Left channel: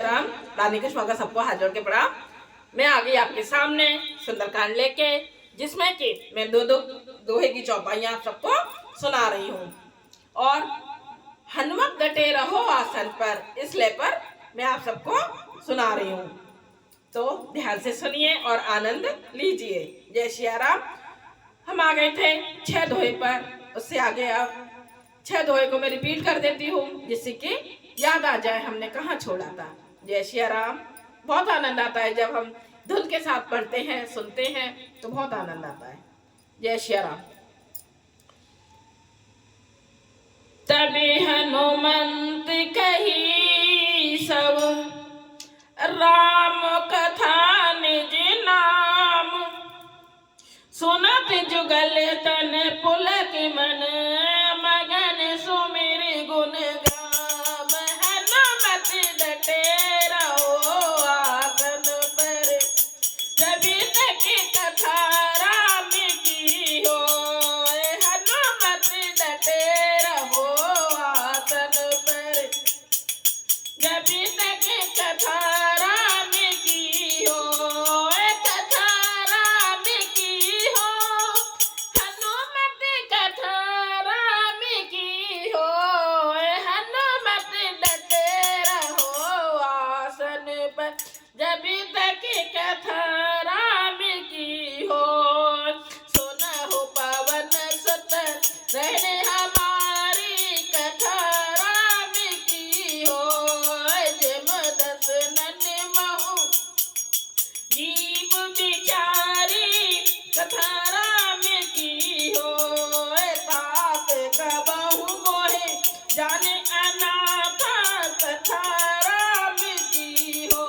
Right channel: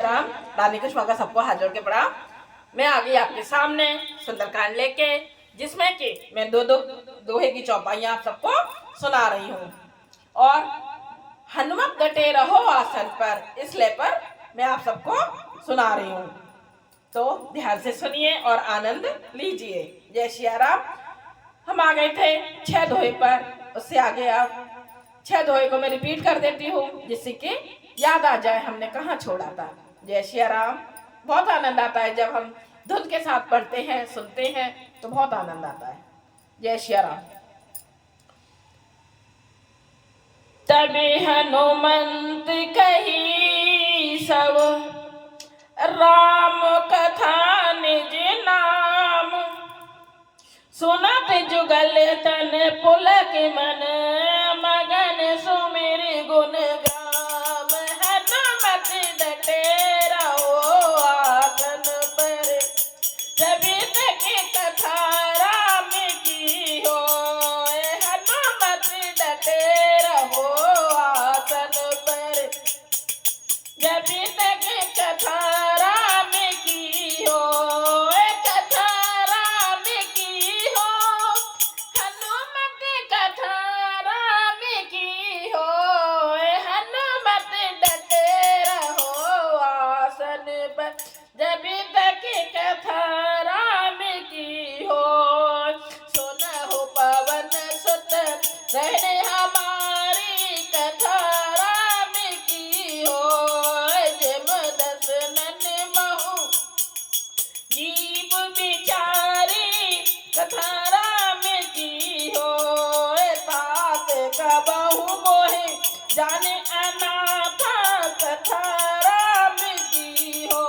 राम रानी कृष्ण का सबको हाथ जोड़ के प्रणाम। मैं आ गई आपके सामने सुंदरकांड लेके, जिसमें कि मैं दोहे की चौपाइयां आप सबको सुना रही हूँ। और हनुमत डटे रहो आसन पर, इसलिए पर मैं आप सबको सुना रही हूँ, तो ध्यान से सुनिए और आनंद लीजिए। जय सिया राम। हम आ गए थे 6 दोहे पर, उससे आगे अब 6 दोहे को मैं रिपीट कर देती हूँ, जिससे कि याद आ जाए हमने कहाँ छोड़ा था। जय सिया राम। बहुत आनंद आता है जब हम धुन के साथ पढ़ते हैं, सुनते हैं, तो बहुत आनंद आता है। जय सिया राम। तभी हनुमंत कही सब राम कथा निज नाम, सुनत जुगल तन पुलक मन, मगन सुमिर गुण गाम। हनुमत डटे रहो आसन पर, जबि तक कथा राम की हो। हनुमत डटे रहो आसन पर, जबि तक कथा राम की हो। कथा राम की हो, हनुमत कथा राम की हो। हनुमत डटे रहो आसन पर, जबि तक कथा राम की हो। सुनहु पवन सुत रहने हमारी, कथा राम की हो। जिम दसनन महु जीव बिचारी, कथा राम की हो। पाप कबहु मोहे जाने अनाथा, कथा राम की हो।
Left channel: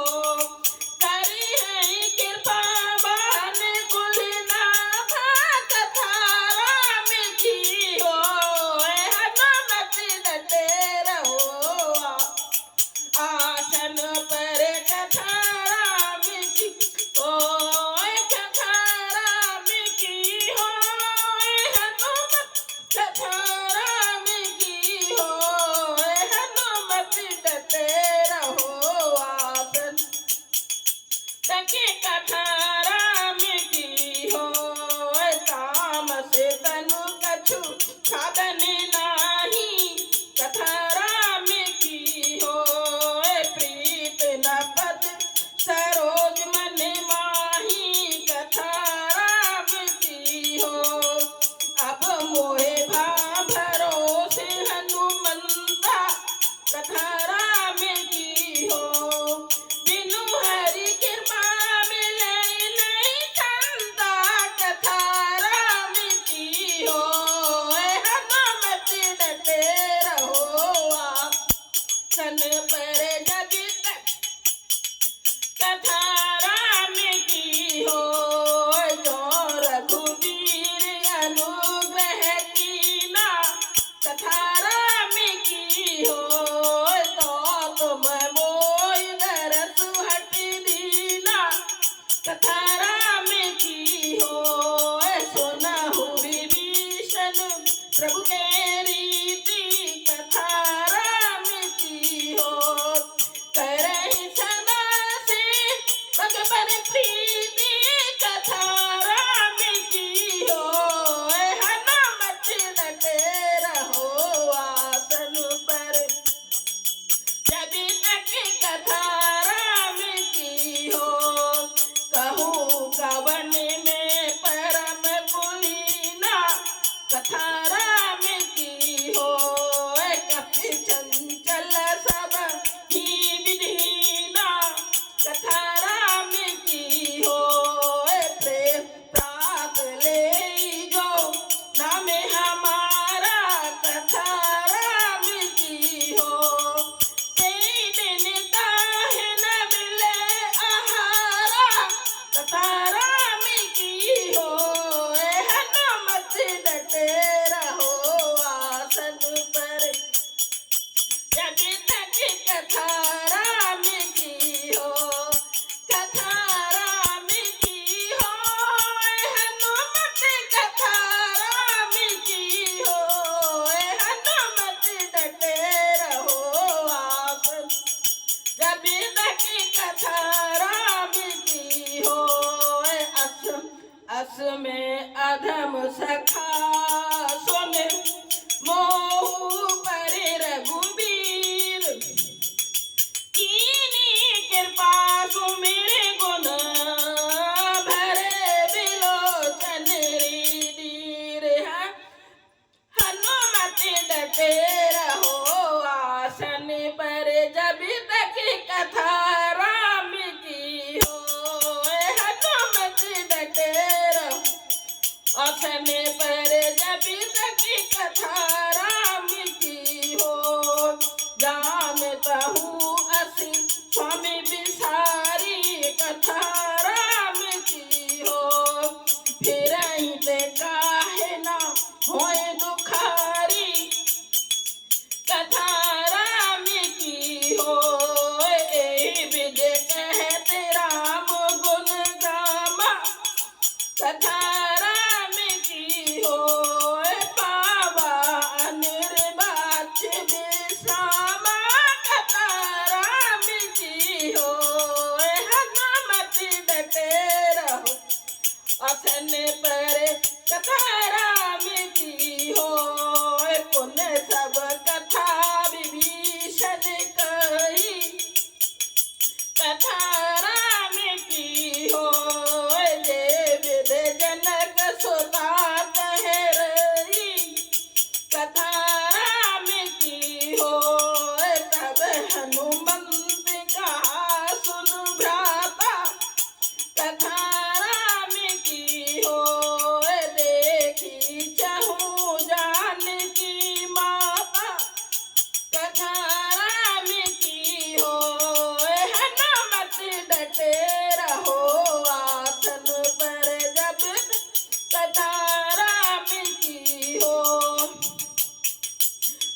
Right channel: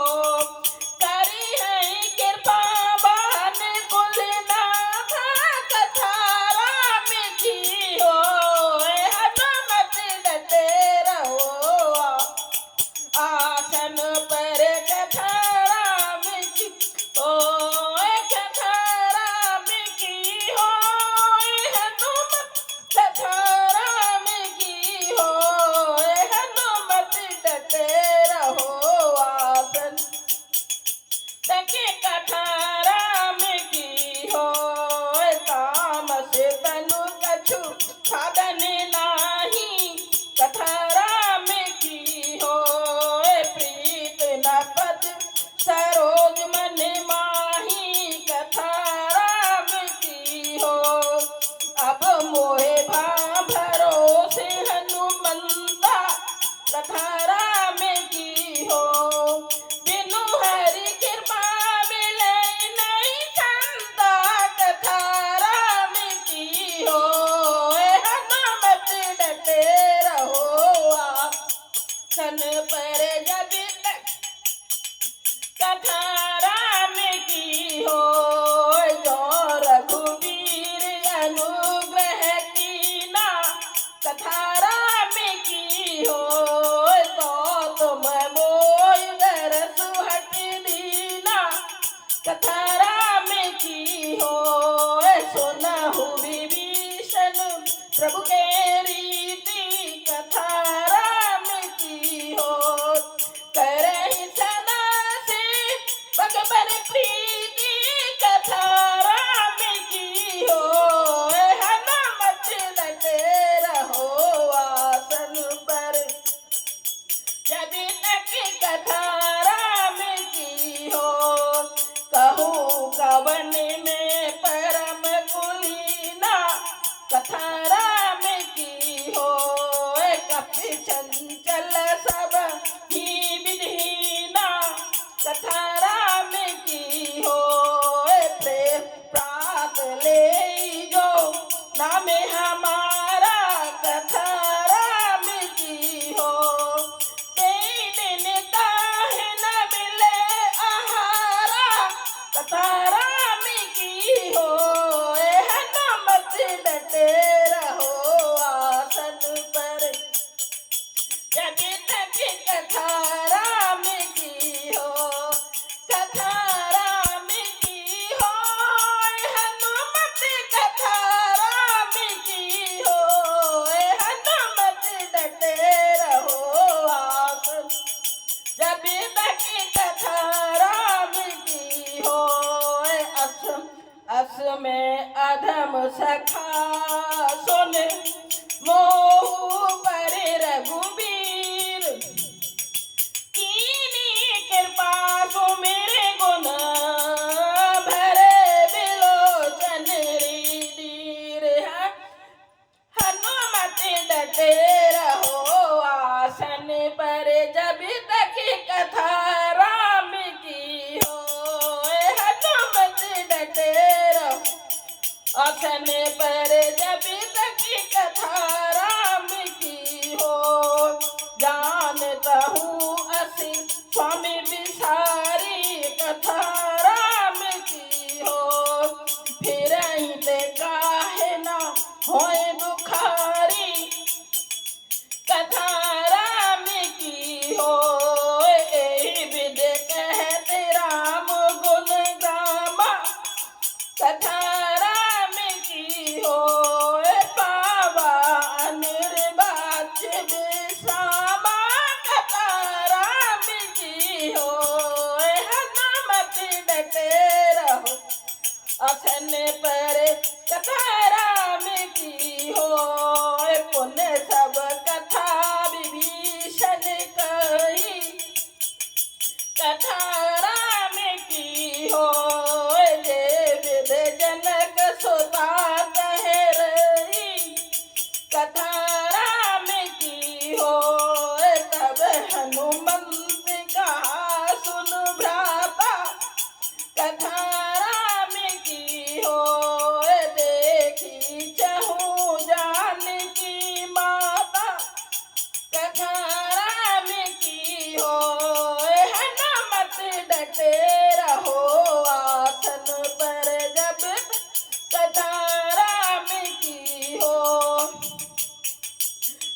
करी है कृपा बहन कुलनाथा, कथा राम की हो। हनुमत डटे रहो आसन पर, कथा राम की हो। कथा राम की हो। हनुमत कथा राम की हो। हनुमत डटे रहो आसन तक, कथा राम की हो। तामस तनु कछु साधन नाही, कथा राम की हो। प्रीत तक कथा राम की हो। अस में अधम सखा सुन मोहु पर रघुबीर, कीनी कृपा सुमिर गुण भरे बिलोचन रीदीर। हनुमत डटे रहो आसन पर जब तक कथा राम की हो। हनुमत डटे रहो आसन पर जब तक कथा राम की हो। जानता हूँ असी स्वामी बिसारी कथा राम की हो। फिर ही ते काहे ना होए दुखारी कथा राम की हो। एहि विध कहते राम गुण गामा कथा राम की हो। पावा अनिर्वाच्य विश्रामा कथा राम की हो। हनुमत डटे रहो आसन पर कथा राम की हो। पुण्य सब कथा विभीषण कही कथा राम की हो। जय विध जनक सुता कहे रही कथा राम की हो। तब हनुमंत कहा सुन भ्राता कथा राम की हो। देखी चहु जानकी माता कथा राम की हो। हनुमत डटे रहो आसन पर जब कथा राम की हो।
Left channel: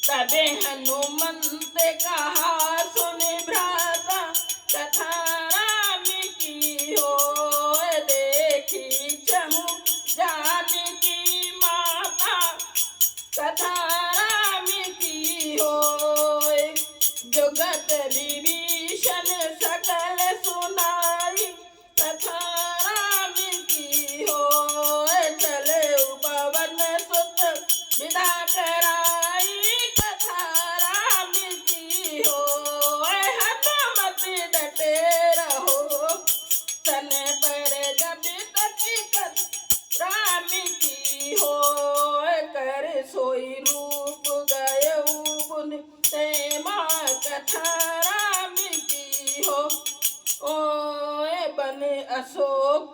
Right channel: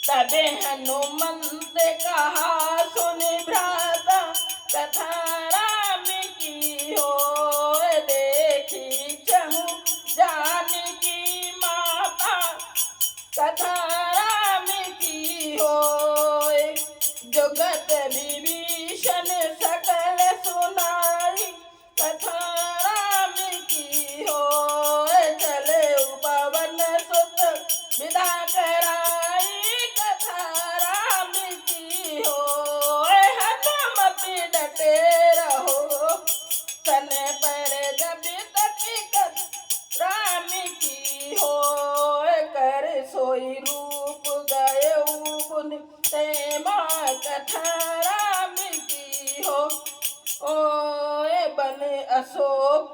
तबे हनुमंत कहा सुन भ्राता कथा राम की हो। देखी चहु जानकी माता कथा राम की हो। जुगत विभीषण सकल सुनाई कथा राम की हो। चले पवन सुत विदा कराई कथा राम की हो। हनुमत डटे रहो सन पर जब तक कथा राम की हो। कर सोई रूप गयऊ गुण ते माँ कथा राम की हो। ओए बने अशोक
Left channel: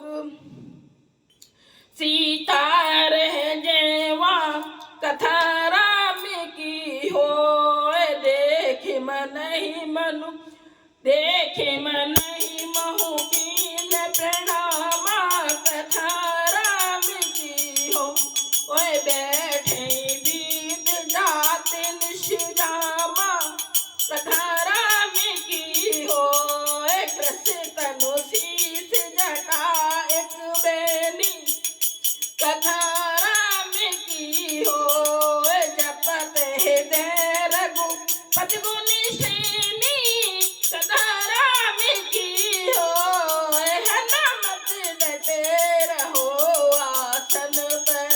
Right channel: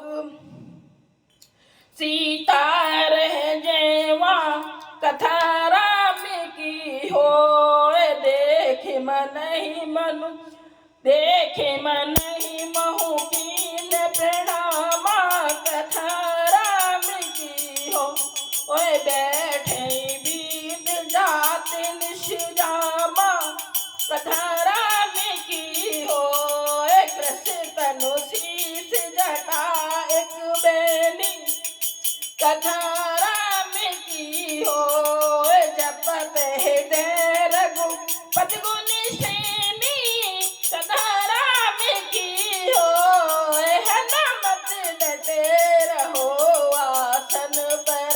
सीता रह जयवा कथा राम की हो। देखे मन ही मनु देखे मन ही महु कीन प्रणामा कथा राम की हो। ओए बैठे बीत जाते निष्जामा कथा राम की हो। कृष्ण तनु शीस जटा एक बेनी कथा राम की हो। जपत हृदय रघुपति गुण श्रेणी कथा राम की हो। हनुमत डटे रहो आसन पर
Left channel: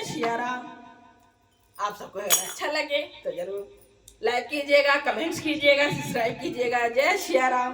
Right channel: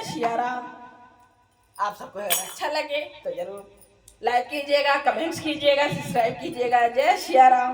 जय सिया राम। आप सबको अगर अच्छा लगे तो जरूर लाइक कीजिएगा, कमेंट्स कीजिएगा, सब्सक्राइब कीजिएगा। जय सिया राम।